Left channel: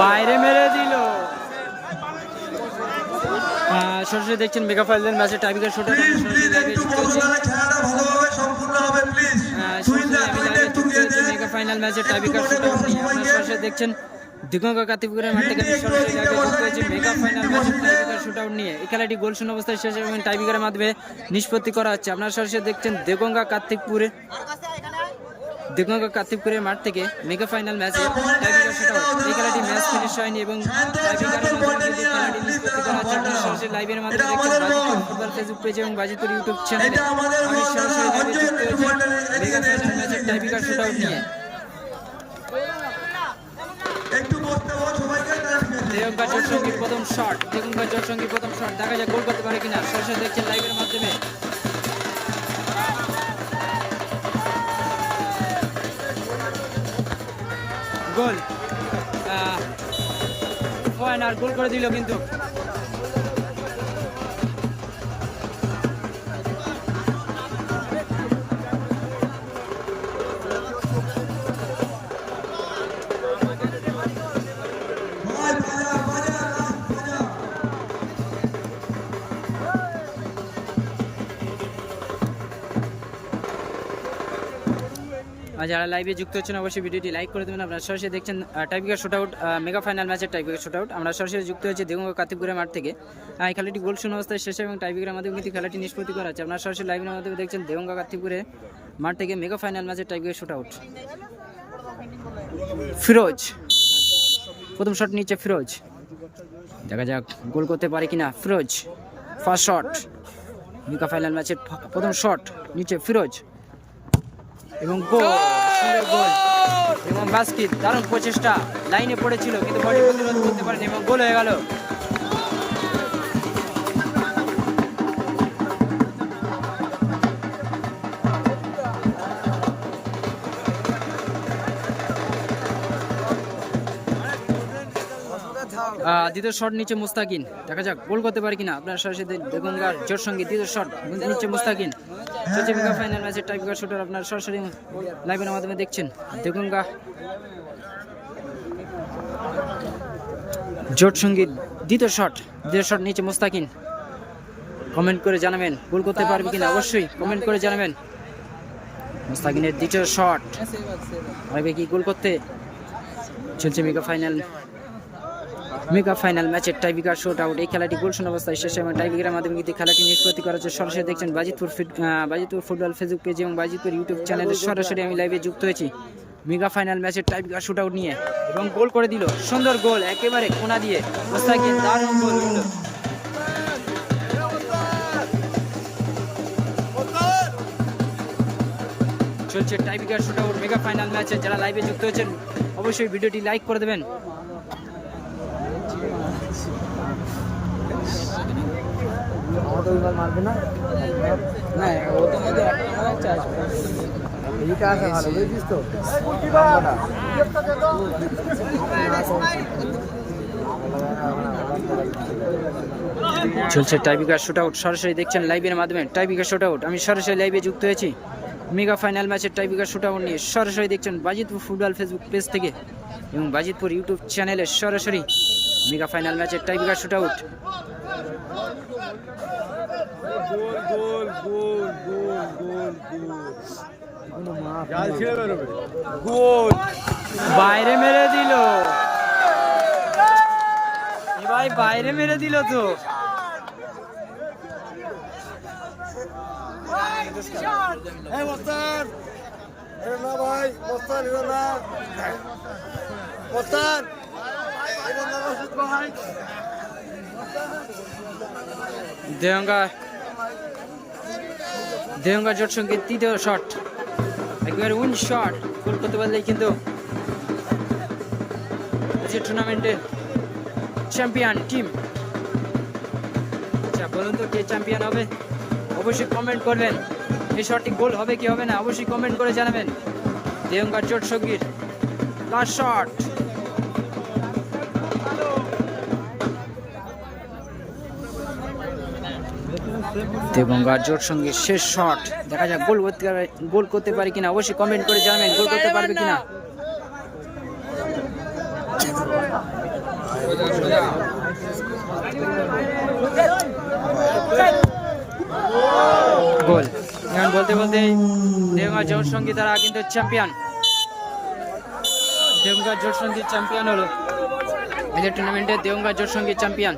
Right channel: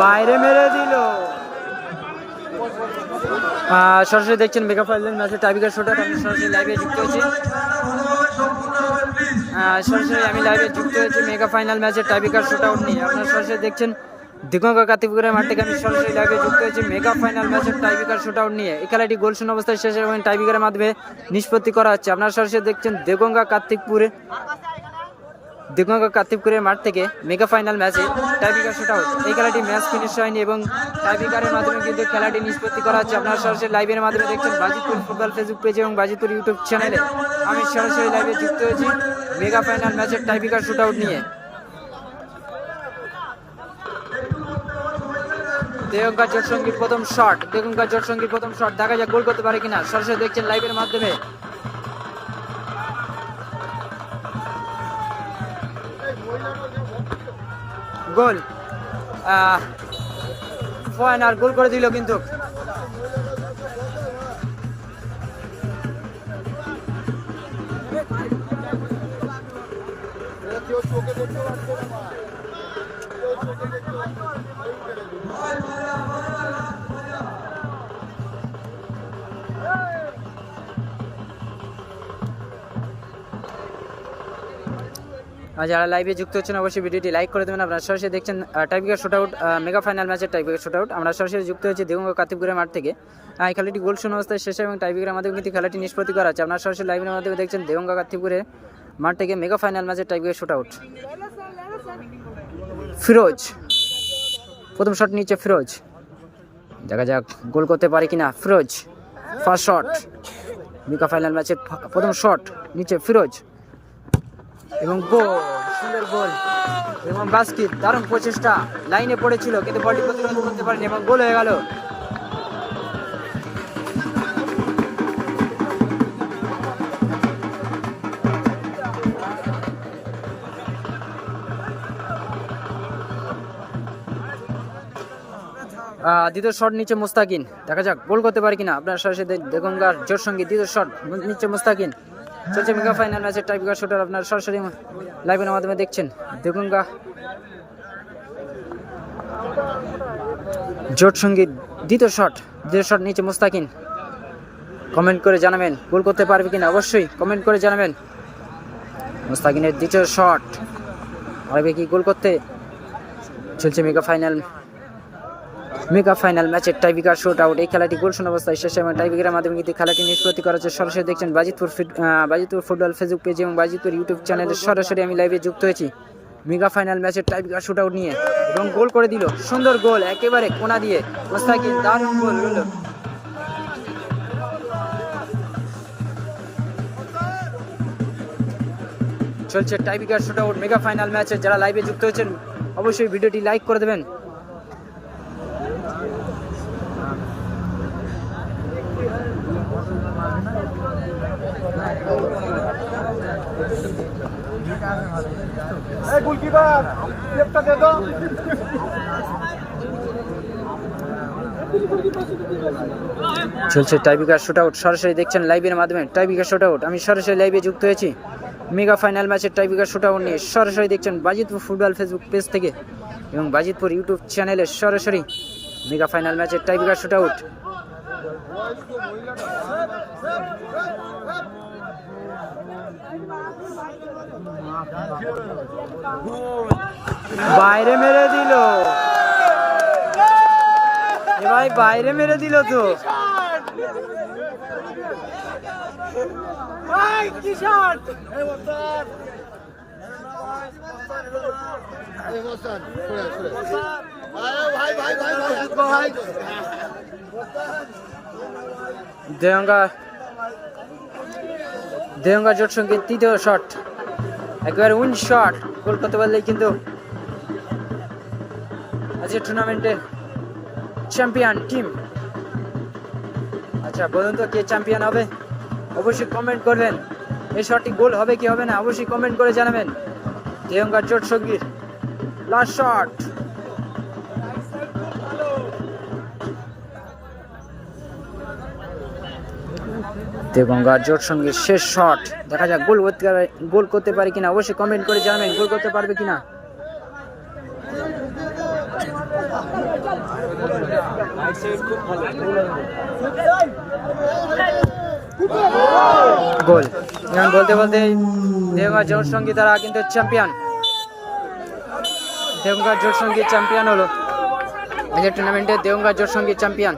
বাইরে মেরে দিল। সরাসরি দেখছেন মেগা ফাইনাল ম্যাচের টাইবিকার শোটা আমি সরাসরি লাইভে যুক্ত হয়েছি। সরাসরি আমি লাইভে যুক্ত হয়েছি মেগা ফাইনাল ম্যাচের টাইবিকার শোটা নিয়ে। আপনারা সরাসরি দেখছেন দিগঙ্গা কাতিপুকুরের মাঠ থেকে আমি সরাসরি লাইভে যুক্ত হয়েছি মেগা ফাইনাল ম্যাচের টাইবিকার শুট আউট নিয়ে। এই খেলাটি গোল শূন্য অবস্থায় শেষ এবং টাইবিকারের মাধ্যমে নিষ্পত্তি করা হচ্ছে। আপনারা সরাসরি দেখছেন দেগঙ্গা কার্তিকপুরে দিগঙ্গা কার্তিকপুরের মাঠ থেকে মেগা ফাইনাল ম্যাচে টাইবিকার শুট আউট এই খেলাটি ম্যাচ ফিনিশ হয়নি এবং টাইবিকারের মাধ্যমে কিন্তু খেলাটি নিষ্পত্তি করা হচ্ছে। আপনারা সরাসরি লাইভের মাধ্যমে দেখছেন বাজিতপুর ফুটবল ফেসবুক পেজে এবং বাজিতপুর ইউটিউব চ্যানেলে আমি সরাসরি লাইভে যুক্ত হয়েছি মেগা ফাইনাল ম্যাচের টাইবিকার শুট আউট নিয়ে। দেগঙ্গা জোট সঙ্গীর প্রথম শট দেগঙ্গা জোট সঙ্গীর প্রথম শট দেখা যাক গোল করতে পারে কিনা। সরাসরি দেখছেন লাইভের মাধ্যমে গোল। পয়েন্ট আর গোল করে দিল কিন্তু। যারা লাইভে যুক্ত হচ্ছেন, অবশ্যই ভিডিওটি লাইক করে দেবেন। আপনারা সরাসরি দেখছেন tiebreaker shoot out mega final ম্যাচের টাইপিকার শুট আউট আমরা সরাসরি যুক্ত হয়েছি দেবঙ্গ কাতিপুরের মাঠ থেকে। এই খেলাটি গোল শূন্য অবস্থায় শেষে এবং টাইপিকারের মাধ্যমে কিন্তু খেলাটি নিষ্পত্তি করা আছে আপনারা সরাসরি লাইভের মাধ্যমে দেখছেন দেবঙ্গা কাতিপুরে মাঠ থেকে মেগা ফাইনাল ম্যাচের টাইপিকার শুট আউট ফিরোজ। প্রথম শট নিচ্ছে ফিরোজ। দেখা যাক গোল করতে পারে কিনা Firoz. First shot mega final ম্যাচের প্রথম শট নিচ্ছে ফিরোজ। এবং গোল, সুন্দর গোল। এবং বাস্কিট, দারুণ প্রচেষ্টা। লাইনে পড়েছিল, কিন্তু বডি প্রতিরোধ করতে পারেনি এবং গোল হয়ে গেল। দ্বিতীয় শট নিচে মুস্তাকিন। দেখা যাক, গোল করতে পারে কিনা। আপনার সরাসরি দে- দেগঙ্গার জোর সঙ্গে দ্বিতীয় শট নিচে মুস্তাকিন। চলছে মেগা ফাইনাল ম্যাচের টাইপিকার শুটার আপনার সরাসরি লাইভের মাধ্যমে দেখছেন। দেগঙ্গা জোট সংগীত, দ্বিতীয় শট দ্বিতীয় শট নিচে মুস্তাকিন। কমেন্ট করে জানাবেন গোল করতে পারবে কিনা? অবশ্যই কমেন্ট করে জানাবেন। মুস্তাকিনের দ্বিতীয় শট পারবে কি গোল করতে? চলছে মেগা ফাইনাল মেগা ফাইনাল ম্যাচের টাইবিকার শোট আউট এই খেলাটি গোল শূন্য অবস্থায় শেষ এবং টাইবিকারের মাধ্যমে কিন্তু খেলাটি নিষ্পত্তি করা হচ্ছে সরাসরি দেখছেন Bajitpur Bajitpur football Facebook page এবং বাজিতপুর ইউটিউব চ্যানেলে সরাসরি আমি লাইভে যুক্ত হয়েছি। মেগা ফাইনাল ম্যাচের টাইবিকার শুট আউট নিয়ে এবং গোল করে দিল। সুন্দর গোল, একেবারে কোনা দিয়ে। মোস্তাকিন দারুণ গোল হলো চলছে tiebreaker shoot out mega final ম্যাচে। যারা লাইভে যুক্ত হয়েছেন, অবশ্যই ভিডিওটি লাইক করে দেবেন। চলছে টাইবিকার শুট আউট সরাসরি দেখছেন লাইভের মাধ্যমে টাইবিকার শুট আউট আমি সরাসরি লাইভে যুক্ত হয়েছি মেগা ফাইনাল ম্যাচের টাইবিকার শুট আউট নিয়ে সরাসরি দেখছেন বাজিতপুর ফুটবল ফেসবুক পেজ থেকে এবং বাজিতপুর ইউটিউব চ্যানেলে সরাসরি মেগা ফাইনাল ম্যাচের টাইবিকার শুট আউট বাইরে মেরে দিল। ভাই বাইরে মেরে দিল তো। দেহঙ্গা দেহঙ্গা জোট সঙ্গে তৃতীয় শট। একেবারে উইন শট। গোল করতে পারলেই কিন্তু আজকে টুর্নামেন্টের চ্যাম্পিয়ন টিম আচ্ছা বলুন তো কে চ্যাম্পিয়ন হবে? অবশ্যই কমেন্ট করবেন। এই শটটি গোল হবে কি হবে না, অবশ্যই কমেন্ট করে জানাবেন। দেহঙ্গার চোট সঙ্গীর লাস্ট শট দেবঙ্গার জোট সঙ্গে শেষ শট। দেখা যাক গোল করতে পারে, গোল করতে পারে কিনা। অবশ্যই কমেন্ট করে জানাবেন, গোল করতে পারবে কিনা। গোল। এখন বলতে বলতে দেওগা জোট সঙ্গী তারা কিন্তু চ্যাম্পিয়ন দেবঙ্গার জোট সঙ্গী চ্যাম্পিয়ন হলো। যে টুর্নামেন্টে দেওগা জোট সঙ্গী চ্যাম্পিয়ন